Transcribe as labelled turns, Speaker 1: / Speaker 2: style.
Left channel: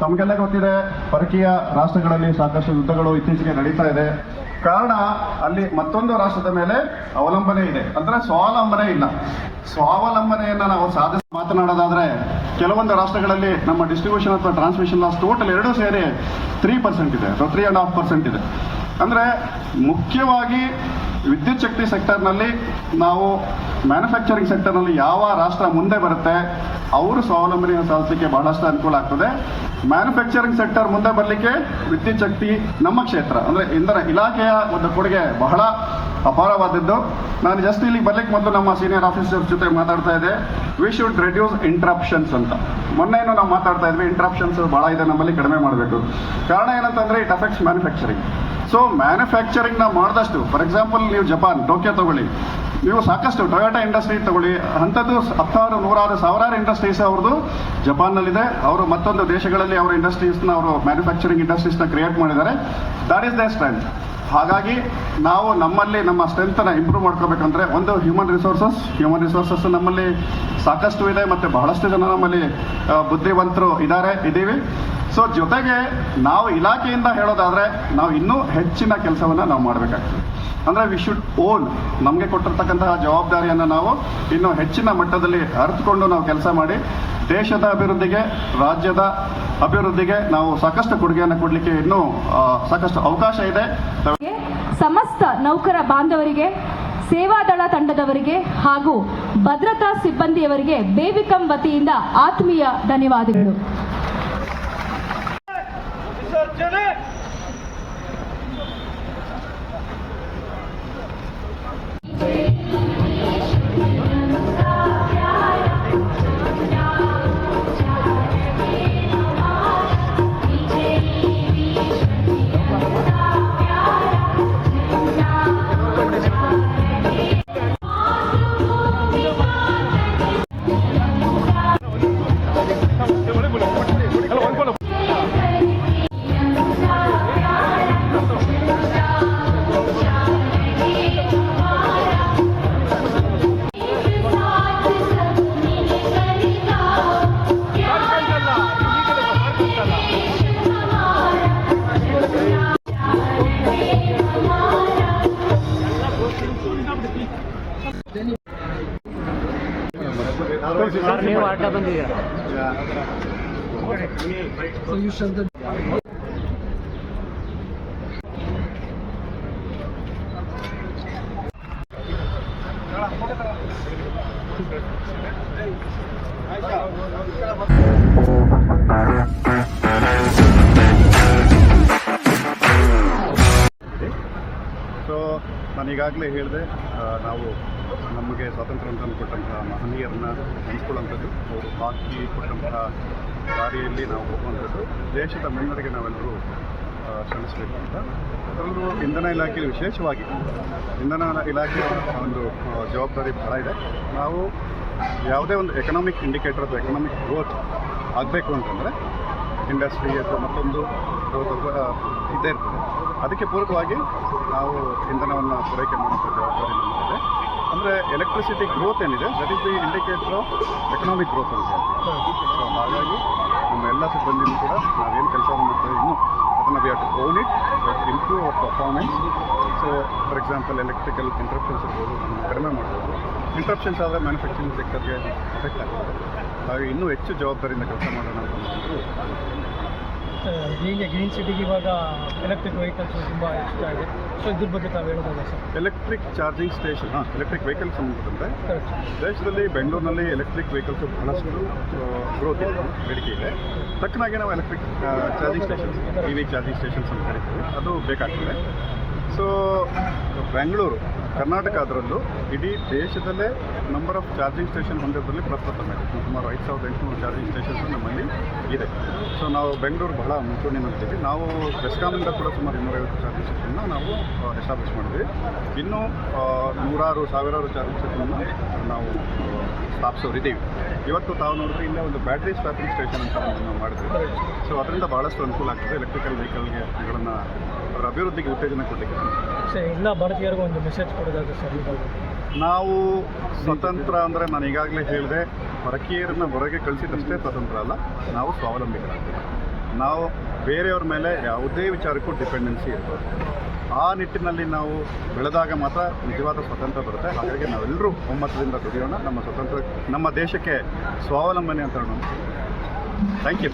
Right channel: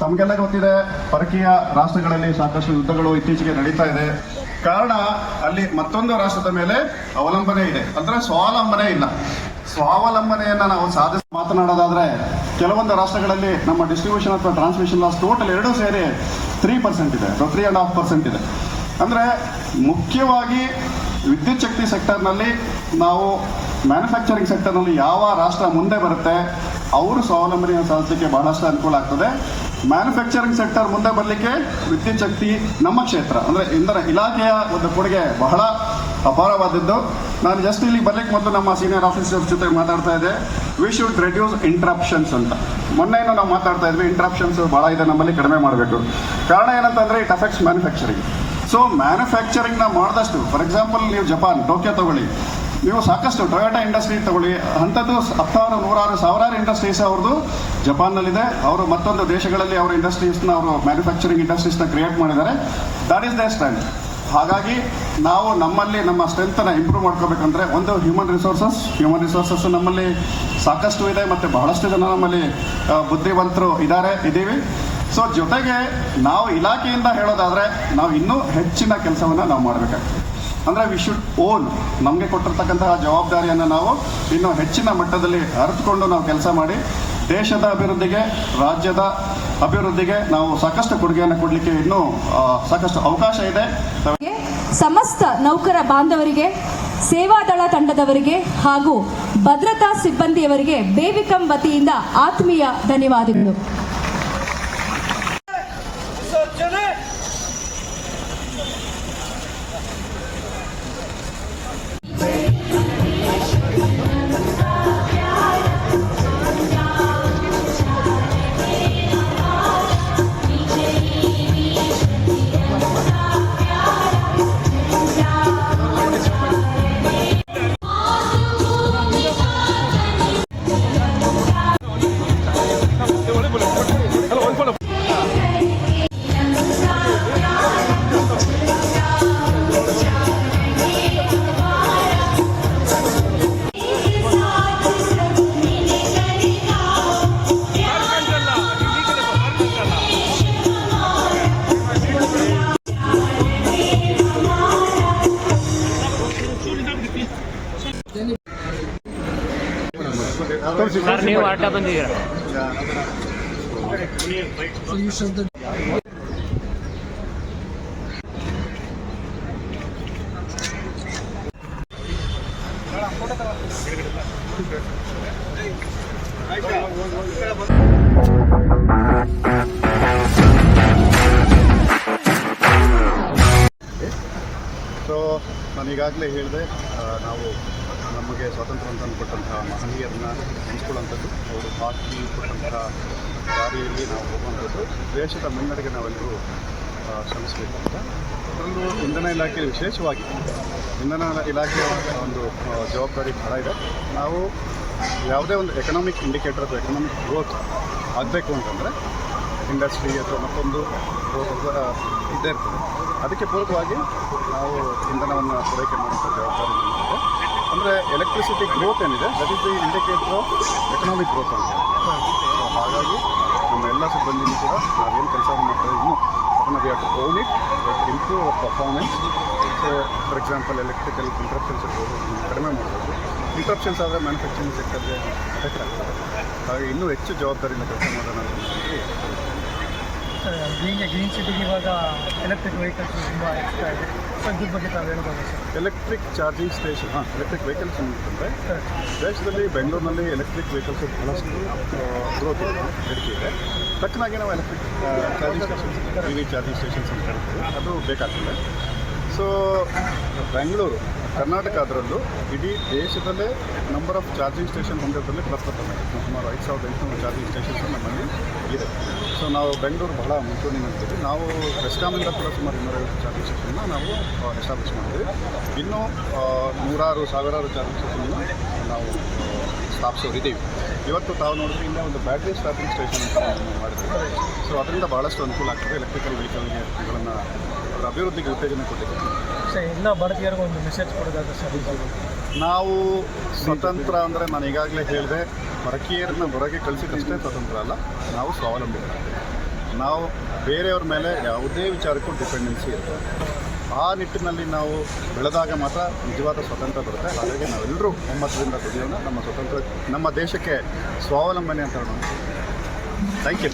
Speaker 1: ತಮಗೆಲ್ಲ ಗೊತ್ತಿದೆ, ಪರಕೀಯ ರಾಷ್ಟ್ರಗಳಲ್ಲಿ ಸಾಕಷ್ಟು ಯುದ್ಧಗಳು ಇತ್ತೀಚೆಗೆ ನಡೀತಾ ಇದೆ. ಕಾರಣ, ಅಲ್ಲಿ ಮತ್ತೊಂದು ರಾಷ್ಟ್ರದ ಮೇಲೆ ಅವಲಂಬನೆ ಇದೆ. ಅಂದ್ರೆ ಸ್ವಾವಲಂಬನೆ ಇಲ್ಲ. ಸ್ವಾವಲಂಬನೆಯನ್ನ ನಾವು ಸಾಧಿಸಿ ಮಾತನಾಡೋದಾದ್ರೆ, ಕೆಲವೊಂದು ರಾಷ್ಟ್ರಗಳಲ್ಲಿ ನಮ್ಮ ಡಿಸ್ಟ್ರಿಬ್ಯೂಷನ್ ಅಥವಾ ಟ್ರಾನ್ಸ್ಮಿಷನ್ ಲಾಸ್ ಟೋಟಲ್ ಎರಡೂ ಸೇರಿ ತ್ರೀ ಪರ್ಸೆಂಟ್ ಇದೆ. ಅಥವಾ ತ್ರೀ ಅಂಡ್ ಹಾಫ್ ಪರ್ಸೆಂಟ್ ಇದೆ. ಅಂದ್ರೆ, ಮುಖ್ಯವಾಗಿ ವಿದ್ಯುತ್ ಶಕ್ತಿ ಸೆಕ್ಟರ್ನಲ್ಲಿ ನಾವು ಮ್ಯಾನುಫ್ಯಾಕ್ಚರಿಂಗ್ ಸೆಕ್ಟರ್ನಲ್ಲಿ ಯಾವ ರಾಷ್ಟ್ರ ಮುಂದೆ ಬರುತ್ತೆ ಅವರು ಸ್ವಾವಲಂಬನೆಯನ್ನು ಸಾಧಿಸಲಿಕ್ಕೆ ಬಹಳಷ್ಟು ಅನುಕೂಲ ಆಗ್ತದೆ. ಮ್ಯಾನುಫ್ಯಾಕ್ಚರಿಂಗ್ ಸೆಕ್ಟರ್ ಮುಂದೆ ಬರಲಿಕ್ಕೆ ವಿದ್ಯುತ್ ಶಕ್ತಿ ನಮ್ಮ ಕ್ಷೇತ್ರ, ಅಂದ್ರೆ ಇಂಧನ ಇಲಾಖೆಯ ಒಂದು ಕೊಡುಗೆ ಬಹಳ ಅಪಾರವಾದದ್ದು. ನಾನು ಜಸ್ಟ್ ಇಲ್ಲಿ ಬರ್ಲಿಕ್ಕೆ ಮೊದಲು ನಮ್ಮ ಸೀನಿಯರ್ ಆಫೀಸರ್ಸ್ ಜೊತೆ ಮಾತಾಡ್ತಾ ಇದ್ದೆ. ವಿ ಶುಡ್ ರೆಡ್ಯೂಸ್ ಇಂಟ್ರಾಪ್ಷನ್ಸ್ ಅಂತ. ಮೊನ್ನೆನೂ ನಾವು ಮಾತಾಡ್ತಾ ಇದ್ವಿ ಇಂಟ್ರಪ್ಷನ್ಸ್ ಬಹಳ ಇದೆ, ನಮ್ಮಲ್ಲಿ ಕಡಿಮೆ ಮಾಡಬೇಕು. ಕಾರಣ ಏನಂತಂದ್ರೆ ಇಟ್ ಅಫೆಕ್ಟ್ಸ್ ಮ್ಯಾನುಫ್ಯಾಕ್ಚರಿಂಗ್ ಸೊ ಮ್ಯಾನುಫ್ಯಾಕ್ಚರಿಂಗ್ನ ಮಾಡಿದಷ್ಟು ಫಾರ್ ಎಕ್ಸಾಂಪಲ್ ನೀವು ಜಪಾನ್ ಟೋಕಿಯೋ ತಗೊಳ್ಳಿ. ನೀವು ಸಾಕಷ್ಟು ಟೊಯೋಟಾ ಇಂಡಸ್ಟ್ರಿ ತಗೊಳ್ಳಿ. ಅಂಥದ್ದು ಹತ್ತಾರು, ನೂರಾರು, ಸಾವಿರಾರು ಇಂಡಸ್ಟ್ರೀಸ್ ಅವ್ರದ್ದು ಜಪಾನ್ನಲ್ಲಿದೆ. ಅವರು ಮತ್ತೊಂದು ದೇಶಗಳಲ್ಲಿ ಅವರ ಇಂಡಸ್ಟ್ರೀಸ್ನ ಅವರು ಮ್ಯಾನುಫ್ಯಾಕ್ಚರಿಂಗ್ ಇಂಡಸ್ಟ್ರೀಸ್ನ ಕ್ರಿಯೇಟ್ ಮಾಡಿದ್ದಾರೆ. ದಟ್ ಈಸ್ ದೇ ಸ್ಟ್ರೆಂತ್ ಹಾಗಾಗಿ ನಾವು ನಮ್ಮಲ್ಲಿ ನಮ್ಮ ಸ್ಟ್ರೆಂತನ್ನು ಇಂಪ್ರೂವ್ ಮಾಡ್ಕೋಬೇಕಂದ್ರೆ ಒಂದು ಹ್ಯೂಮನ್ ರಿಸೋರ್ಸಸ್ ಹ್ಯೂಮನ್ ರಿಸೋರ್ಸಸ್ ನಮ್ಮಲ್ಲಿ ಸಾಕಷ್ಟು ಇದೆ ಮತ್ತೆ ಬಹಳಷ್ಟು ಜನ ನಮ್ಮಲ್ಲಿ ಬುದ್ಧಿವಂತರು ಇದ್ದಾರೆ, ಇದ್ದೀವಿ. ಸೊ ಜೊತೆಗೆ ನಾವು ಇಲಾಖೆಯಿಂದ ಹೇಳೋದಾದ್ರೆ ನಾವು ಇನ್ನೂ ಹೆಚ್ಚಿನ ಕೆಲಸವನ್ನ ನಾವು ಮಾಡಬೇಕಾಗ್ತದೆ. ಅಂದ್ರೆ ವಿ ಶುಡ್ ಓನ್ ನಮಗೆ ಕೊಟ್ಟಿರ್ತಕ್ಕಂತಹ ಜವಾಬ್ದಾರಿಯನ್ನು ನಾವು ಇನ್ನು ಹೆಚ್ಚಿನ ಮಟ್ಟದಲ್ಲಿ ಅರಿತುಕೊಂಡು ನಾವು ಕೆಲಸ ಮಾಡಿ ದೇಶದ ಅಭಿವೃದ್ಧಿಗೆ, ರಾಜ್ಯದ ಅಭಿವೃದ್ಧಿಗೆ ನಾವು ಸಾಕಷ್ಟು ಕೊಡುಗೆಯನ್ನು ಕೊಡಲಿಕ್ಕೆ ಇನ್ನೂ ಸಾಕಷ್ಟು ಅವಕಾಶ ಇದೆ.
Speaker 2: ಸಮಸ್ತ ನೌಕರ ಬಾಂಧವರಿಗೆ ಸೇವಾದಳ ತಂಡದವರಿಗೆ ಹಾಗೂ ಭದ್ರತಾ ಸಿಬ್ಬಂದಿಯವರಿಗೆ ಬೇಬಿಕಂ ವತಿಯಿಂದ ಆತ್ಮೀಯ ಧನ್ಯವಾದಗಳು.
Speaker 3: ಸರ್ ನೀವು ಆಟ ಬಂದಿದ್ದೀರಾ?
Speaker 1: ಸೊ ನಾನು ಈಗಾಗಲೇ ಹೇಳಿದೆ ನಾವು ನಮಗೆ ಸ್ವಾತಂತ್ರ್ಯ ಅಂತ ಕೊಟ್ಟಂತಹ ಮಹನೀಯರನ್ನ ನೆನೆಸ್ಕೊಳ್ಳುವಂಥದ್ದು, ಅವರು ಹಾಕಿ ಕೊಟ್ಟಂತಹ ದಾರಿಯಲ್ಲಿ ನಾವು ಹೋಗುವಂಥದ್ದು, ದೇಶದ ಮುನ್ನಡೆಗೆ ನಾವೆಲ್ಲರೂ ಶ್ರಮಿಸಬೇಕು ಅಂತ. ಅದರಲ್ಲೂ ಇಂಧನ ಇಲಾಖೆ ವಿಶೇಷವಾಗಿ, ಇಂಧನ ಇಲಾಖೆಯ ಒಂದು ಜವಾಬ್ದಾರಿ ಬಹಳ ಇದೆ. ನಾವು ಯಾವುದೇ ಒಂದು ಎಕನಾಮಿಕ್ ಇಂಡಿಕೇಟರ್ ಅಥವಾ ಎಕನಾಮಿಕ್ ಗ್ರೋತ್ ಆಗಬೇಕು ಅಂತಂದರೆ ಇಂಡಸ್ಟ್ರಿ ಅಥವಾ ಮತ್ತೊಂದು ಗ್ರೋತ್ ಇದ್ದೇ ಇರ್ತದೆ. ಅದಕ್ಕೆ ಪೂರಕವಾಗಿ ನಾವು ಇಂಧನವನ್ನು ಪೂರೈಕೆ ಮಾಡುವಂಥ ಜವಾಬ್ದಾರಿ ನಮ್ಮದಿದೆ ಅಂದರೆ ಎಲೆಕ್ಟ್ರಿಸಿಟಿ ಗ್ರೋತ್ ಏನಿದೆ? That is the indicator of economic growth ಅಂತ ಹೇಳ್ತೀವಿ. ಸೊ ಹಾಗಾಗಿ ನಮ್ಮ ಎಲ್ಲ ಸಿಬ್ಬಂದಿನೂ ಕೂಡ ನಾವೇನು ಕೆಲಸವನ್ನು ಮಾಡ್ತಾ ಇನ್ನೂ ಅದನ್ನು we have to own it to improve our performance so for example electrical interruptions ಇರ್ಬೋದು ಕಡಿಮೆ ಮಾಡಬೇಕು ಇಂಟ್ರಪ್ಷನ್ಸ್ ಆದರೆ ಮ್ಯಾನುಫ್ಯಾಕ್ಚರಿಂಗ್ ಸೆಕ್ಟರ್ಗೆ ಎಫೆಕ್ಟ್ ಆಗ್ತದೆ. ಹಾಗಾಗಿ ಇನ್ನೂ ಹೆಚ್ಚು ಜವಾಬ್ದಾರಿಯಿಂದ ಕೆಲಸ ಮಾಡೋಣ ಅಂತ
Speaker 4: ಹೀಗೆ ಗ್ರೀನ್ ಸಿಟಿಗೆ ಇವಾಗ ಎಲೆಕ್ಟ್ರಿಕ್ ವೆಹಿಕಲ್ಸ್ ತುಂಬ ಇಷ್ಟ ಇದೆ ಸೊ ಇದ್ರ ಬಗ್ಗೆ ತಾವು ಹೇಳ್ಬೋದು ಸರ್
Speaker 1: ಎಲೆಕ್ಟ್ರಿಕ್ ಚಾರ್ಜಿಂಗ್ ಸ್ಟೇಷನ್ ಹಾಂ ಎಲೆಕ್ಟ್ರಿಕ್ ವೆಹಿಕಲ್ಸ್
Speaker 4: ಕರೆಕ್ಟ್
Speaker 1: ದೇಶದಲ್ಲಿ ಬೆಂಗಳೂರಿನಲ್ಲಿ ಎಲೆಕ್ಟ್ರಿಕ್ ವೆಹಿಕಲ್ಸ್ ಬಹಳಷ್ಟು ಗ್ರೋತ್ ಇದೆ ಬೇಡಿಕೆ ಇದೆ ತಕ್ಕನಾಗೆ ನಾವು electric charging stations E V charging stations ಅಂತ ಕರಿತೀವಿ ಅದು ಬೇಕಾಗ್ತದೆ ಸೊ ಬೆಂಗಳೂರು ಕರ್ನಾಟಕ ಅದರಲ್ಲೂ ಇಡೀ ದೇಶದಲ್ಲೇ ನಂಬರ್ ಆಫ್ ಚಾರ್ಜಿಂಗ್ ಸ್ಟೇಷನ್ ಹೊಂದಿರೋದ್ರಲ್ಲಿ ಇದೆ ಸುಮಾರು ಐದು ಸಾವಿರದ ಎಂಟುನೂರು ಚಾರ್ಜಿಂಗ್ ಸ್ಟೇಷನ್ಸ್ ನಮ್ಮಲ್ಲಿ ಇದೆ. ಸೊ ನಾವು ಬೆಂಗಳೂರು ಬಹಳ ಮುಂಚೂಣಿನಲ್ಲಿದ್ದೀವಿ ನಾವು ಬೆಸ್ಕಾಮಿಂದ ಕೂಡ ಸುಮಾರು ಇನ್ನೂರೈವತ್ತು ಚಾರ್ಜಿಂಗ್ ಸ್ಟೇಷನ್ನ ನಾವು ಎಸ್ಟಾಬ್ಲಿಷ್ ಮಾಡಿದ್ವಿ. ಇನ್ನೂ ನೂರಾರು, ಸಾವಿರಾರು ಚಾರ್ಜಿಂಗ್ ಸ್ಟೇಷನ್ನ ನಾವು ಸ್ಥಾಪಿಸೋರಿದ್ದೀವಿ. ಇವತ್ತು ತಾವು ನೋಡಿದ್ರೆ ಇಲ್ಲೇ ಒಂದು ಬ್ಯಾಟ್ರಿ ಸ್ಟಾಪಿಂಗ್ ಸ್ಟೇಷನ್ ಅಂತ ನಾವು ಮಾಡಿದ್ವಿ. ಸೊ ಅದರಿಂದ ಭಾಳಷ್ಟು ಅನುಕೂಲ ಆಗ್ತದೆ ಎಲೆಕ್ಟ್ರಿಕಲ್ ವೆಹಿಕಲ್ಗೆ ಗಳನ್ನು ಅದರ ಅಭಿವೃದ್ಧಿಗೆ ಉತ್ತೇಜನ ಕೊಡಲಿಕ್ಕೆ.
Speaker 4: ಸರ್ ಎಲ್ಲ ಭಾರತೀಯರಿಗೂ ಒಂದು ಮೆಸೇಜ್ ಕೊಡೋದಾದ್ರೆ ಸರ್
Speaker 1: ನಾವು ಸ್ವತಂತ್ರ ಅಂದರೆ ನಾನು ಈಗಾಗಲೇ ಹೇಳಿದೆ ಪರಕೀಯರನ್ನ ಹೊರಗೆ ಕಳಿಸಿದಷ್ಟೇ ಸ್ವತಂತ್ರ ಅಲ್ಲ ನಾವು ಸ್ವಾವಲಂಬಿಗಳಾಗ್ತೀವಿ ನಾವು ಬೇರೆಯವ್ರ ಮೇಲೆ ಯಾವುದೇ ವಿಚಾರಕ್ಕೂ ಡಿಪೆಂಡೆನ್ಸಿ ಇರಬಾರ್ದು. ಆ ನಿಟ್ಟಿನಲ್ಲಿ ನಾವು ಬೆಳೆದಾಗ ಮಾತ್ರ ನಿಜವಾದ ಸ್ವಾತಂತ್ರ್ಯ ಬರುತ್ತೆ. ಹಾಗಾಗಿ ನಾವೆಲ್ಲರೂ ಒಮ್ಮತದಿಂದ ದುಡಿಯೋಣ. ನಮ್ಮ ಸ್ವತಂತ್ರ ನಮ್ಮ ದೇಶಕ್ಕೆ ಸ್ವಾವಲಂಬನೆ ಅಂತ ಹೇಳೋಣ. Thank you